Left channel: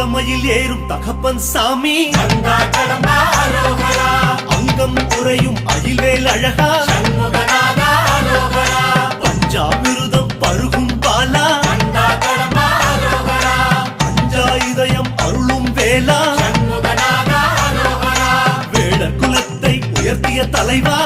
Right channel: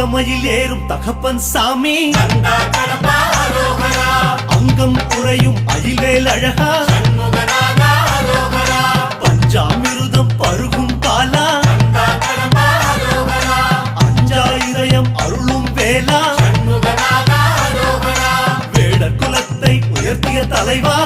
தங்கமயில் ஏறும் தகப்பன் சாமி அங்கம் குறையும் அயில்வேல் அழகா பஞ்சாமிருதம் பருகும் பாலா அஞ்சா இதயம் அருளும் வேளா வேடர் குலத்தை உயர்த்திய தலைவா